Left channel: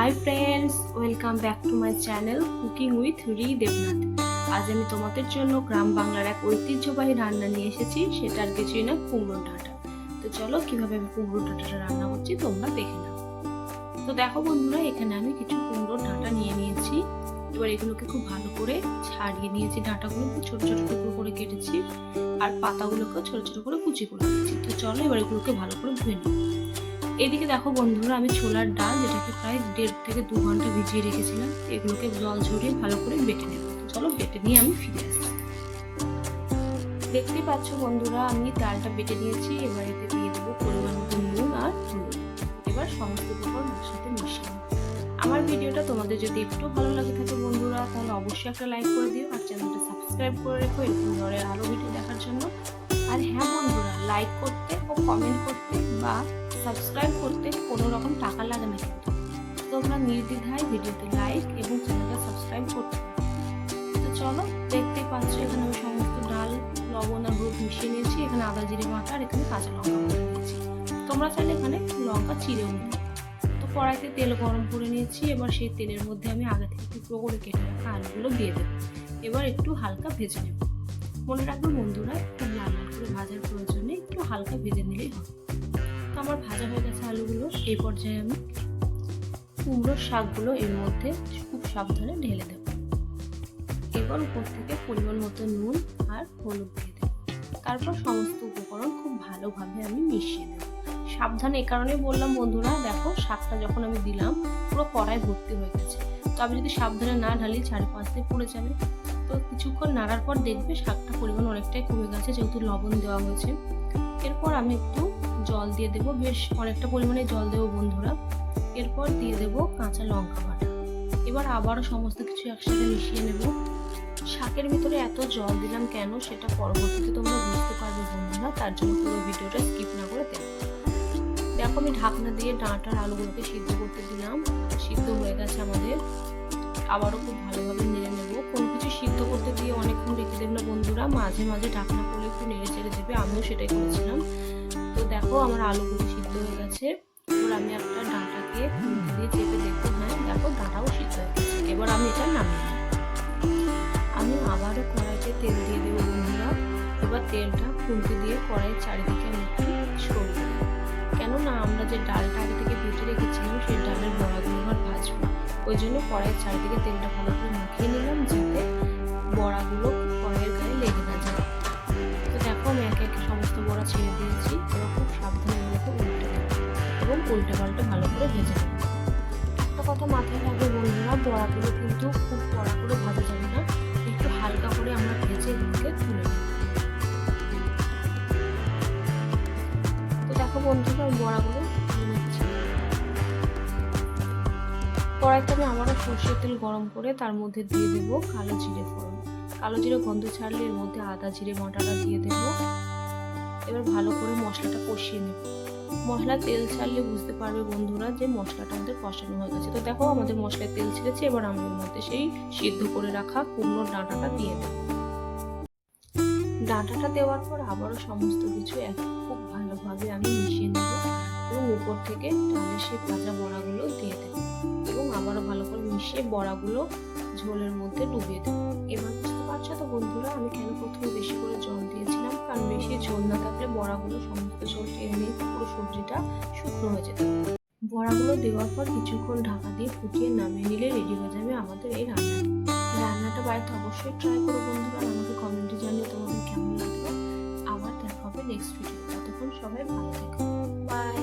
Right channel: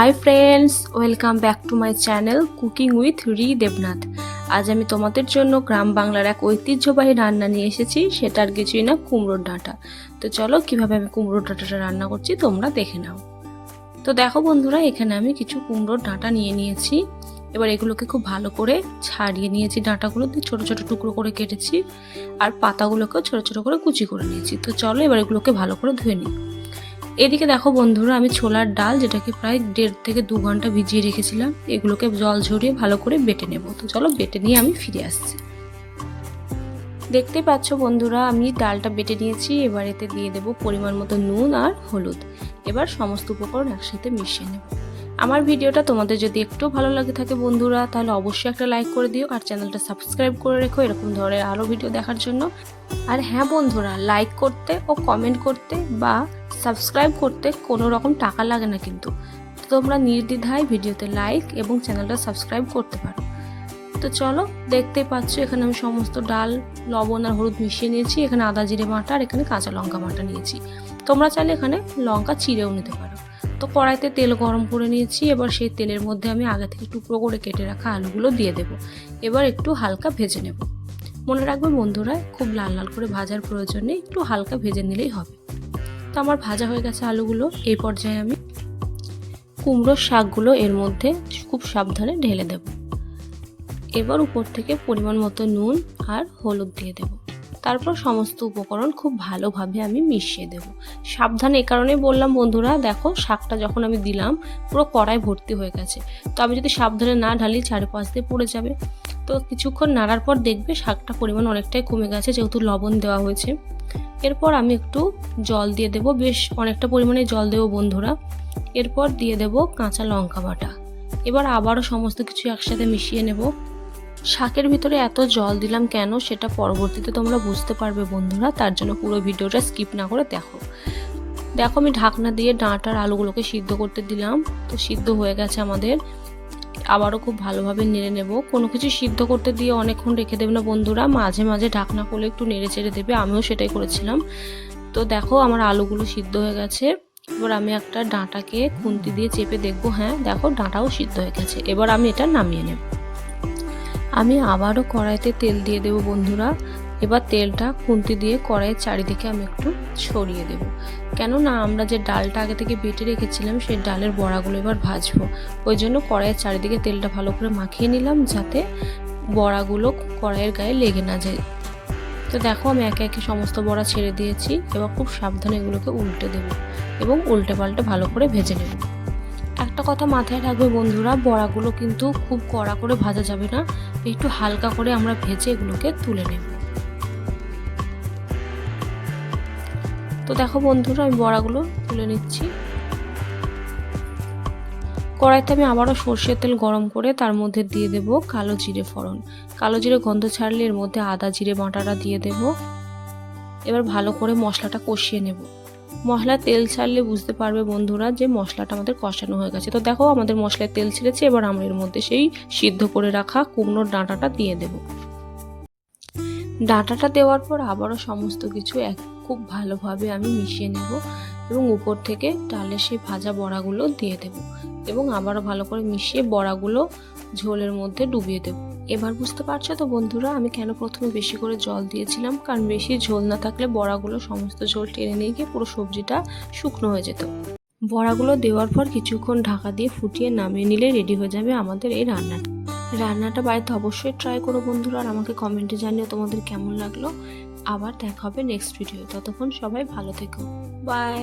Hi friends welcome back to my channel cooking with রি দেবনাথ আজ আমি তোমাদের জন্য গ্রাম বাংলার এক ঐতিহ্যবাহী রান্না নিয়ে এসেছি, সেটার কিছুই না কুমড়োর ডাঁটা। তো চলো কীভাবে আমি কুমড়োর ডাঁটাটা রান্না করছি তোমরা দেখে নাও। তো দেখো বন্ধুরা, এখানে আমি কিছু কুমড়োর ডাঁটা নিয়ে নিয়েছি। এবার এগুলোকে খুব ভালো করে ছাড়িয়ে নিয়েছি ডাঁটাগুলো, দিয়ে ছোটো ছোটো টুকরো করে কেটেছি। আর পাতাগুলোকেও ছোটো ছোটো করে কুচি করে নিয়েছি। তো চলো এবার এগুলোকে ভালো করে ধুয়ে নিই। এদিকে দেখো বন্ধুরা, আমি ছোলার ডাল যেটাকে প্রায় দেড় থেকে দু ঘণ্টা ভিজিয়ে রেখেছিলাম, এগুলোকে জল ঝরিয়ে ভালো করে বেটে নেব। তো চলো বেটে নিয়ে আমি ফিরে আসছি। দেখতে পাচ্ছ বন্ধুরা, আমি ডালটা বেটে নিয়েছি, এবার এতে দিয়ে দেবো পরিমাণ মতো নুন আর হলুদ। এবার সমস্ত উপকরণ একসাথে মিশিয়ে নেব। আমার ভিডিওটা তোমাদের যদি একটু ভালো লাগে থাকে বন্ধুরা, তাহলে অবশ্যই একটা লাইক করে দিও আর চ্যানেলটা সাবস্ক্রাইব করে রেখো এরকম ধরনের আরও ভিডিও দেখার জন্য। আর হ্যাঁ বন্ধুরা, লাইক করতে ও কমেন্ট করতে বা সাবস্ক্রাইব করতে কোনো রকম টাকা লাগে না কিন্তু। তোমরা নির্দ্বিধায় ভিডিওতে লাইক এবং চ্যানেলটা সাবস্ক্রাইব করতে পারো। তো চলো, দেখতে পাচ্ছ এখানে আমি সমস্ত ডাল, লবণ আর হলুদ মিশিয়ে নিয়েছি। এখানে আদা, জিরে বাটা আর এখানে কাঁচা লঙ্কা বাটা নিয়েছি। তোমরা চাইলে এখানে লঙ্কা চিড়েও নিতে পারো। তো কড়াইতে তেল গরম করে নিয়েছি। এবার সেই তেলের মধ্যে আমি আগে থেকে টুকরো করে কেটে রাখা আলুগুলো দিয়ে দেবো। এবার একটু হালকা ভেজে নেব। মনে রাখবে বন্ধুরা, খুব লাল লাল করে ভাজার প্রয়োজন নেই। একটু হালকা ভেজে নিলেই হবে। তো আমার ভাজা হয়ে গেছে আলুগুলো। এই পর্যায়ে আমি কুমড়োর শাকগুলো এর মধ্যে খুব সাবধানে ঢেলে দেব। এবার উপর থেকে পরিমাণ মতো নুন আর হলুদ দিয়ে দেব। তারপর সমস্ত উপকরণ খুব ভালোভাবে আমি মিশিয়ে দেব। সাবধানে, এ কারণে বললাম, বন্ধুরা, দেখো, শাকটা যখন আমি দিলাম, পুরো কড়াই ভর্তি হয়ে গেছে। তো আমি যদি সাবধানে না ঢালি, চারিপাশ দিয়ে পড়ে যাবে। তো কিছুক্ষণ নাড়ার পর দেখবে শাকটা পরিমাণ অনেকটাই কমে গেছে, যেহেতু লবণ দেওয়া হয়েছে। এরপর আমি একটু জল দিয়ে দেব, বেশ অনেকটা পরিমাণে জল দেবো বন্ধুরা। এরপর দিয়ে দেব কাঁচা লঙ্কা বাটা। এবার আবারও সমস্ত কিছু একসাথে মিশিয়ে নেব। শাকের ভিতরে এত জল দিলাম কেন সেটা পরবর্তীতে তোমরা বুঝতে পারবে বন্ধুরা, তার জন্য পুরো ভিডিওটা স্কিপ না করে দেখো। দেখো আমি ঢাকনা দিয়ে ডাঁটার আলুগুলোকে সিদ্ধ করতে দিলাম, তো সিদ্ধ হয়ে গেছে আমাদের। আবারও খুব ভালোভাবে নেড়ে নেব। কোনো কিছু সিদ্ধ করতে দিয়ে অনেকক্ষণ রেখে দেবে না বন্ধুরা। মাঝে মাঝে ঢাকনা করলে একটু নেড়ে চেড়ে দেবে। আমিও সেটাই করেছিলাম। তো দেখো আমার আলুগুলো সিদ্ধ হয়ে গেছে। এবার আমি একটা ডাঁটাকে খুন্তি দিয়ে চেপে দেখব। হ্যাঁ দেখো ডাঁটাও সিদ্ধ হয়ে গেছে। এবার আমি এটা নামিয়ে নেব। আমি আবারও কড়াইতে তেল দিয়ে দেবো বন্ধুরা। এবার তেলটা খুন্তি দিয়ে কড়াইয়ের চারিদিকে আমি একটু ছড়িয়ে দেব। কেননা আমরা যে ডালটা আগে থেকে বেটে রেখেছিলাম, সেই ডালের বড়াগুলো এবার ভাজবো। ওই জন্য কড়াইয়ের চারিদিকে তেলটা ভালো করে মাখিয়ে নিলাম যাতে বড়াগুলো কড়াইয়ের গায়ে লেগে না যায়। তো দেখো আমি একে একে সমস্ত বড়া ছেড়ে দিয়েছি, এবার খুব সাবধানে এগুলোকে উল্টে দেবো এবং উল্টে পাল্টে ভালো করে ভেজে নেব। একটা কথা মাথায় রাখবে বন্ধুরা, বড়াগুলো কিন্তু খুব কড়া করে ভাজা যাবে না, একটু হালকা করে আমরা ভেজে এগুলোকে তুলে নেব। তো দেখো বন্ধুরা, আমি বড়াগুলো তুলে নিচ্ছি। কড়াইতে আমি আবারও সর্ষের তেল গরম করে তার মধ্যে দিয়ে দেব কালো জিরে ফোড়ন। কালো জিরে গন্ধ ছাড়লে এর মধ্যে আদা, জিরে বাটাটা দিয়ে দেব। এবার ভালো করে মশলাটা কষিয়ে নেব। মশলা তেল ছাড়লে বুঝতে পারবে বন্ধুরা যে মশলাটা আমাদের কষানো হয়ে গেছে। তো দেখো আমাদের মশলায় তেল ছেড়েছে, এবার আমরা এর মধ্যে সেই সিদ্ধ করে রাখা কুমড়োর ডাঁটাটা দিয়ে দেব। ডাঁটাটা দেওয়ার পর আবারও সমস্ত কিছু এক খুব ভালোভাবে আমি মিশিয়ে নেব এবং উপর থেকে ডালের সেই ভাজা বড়াগুলো দিয়ে দেব এবং আবারও ভালো করে মিশিয়ে বড়াগুলো ঝোলের মধ্যে ডুবিয়ে দেবো। এবার বুঝতে পারছ তো বন্ধুরা, আমি কেন প্রথমে বেশি করে জল দিয়েছিলাম? কারণ বেশি ঝোল না থাকলে বড়াগুলো সমস্ত ঝোল টেনে নিয়ে গিয়ে পুরো সবজিটা শুকনো হয়ে যেত। বড়াগুলো দেওয়ার পর কিছুক্ষণ ঢাকা দিয়ে ফুটিয়ে নামিয়ে নিলে রেডি হয়ে যাবে আমাদের এই রান্নাটা। রান্নাটা বাড়িতে অবশ্যই ট্রাই করো বন্ধুরা আর আমাকে কমেন্টে জানিয়ে তোমাদের কেমন লাগল। আবার দেখা হবে নেক্সট ভিডিও ততক্ষণ সবাই ভালো থেকো। বাই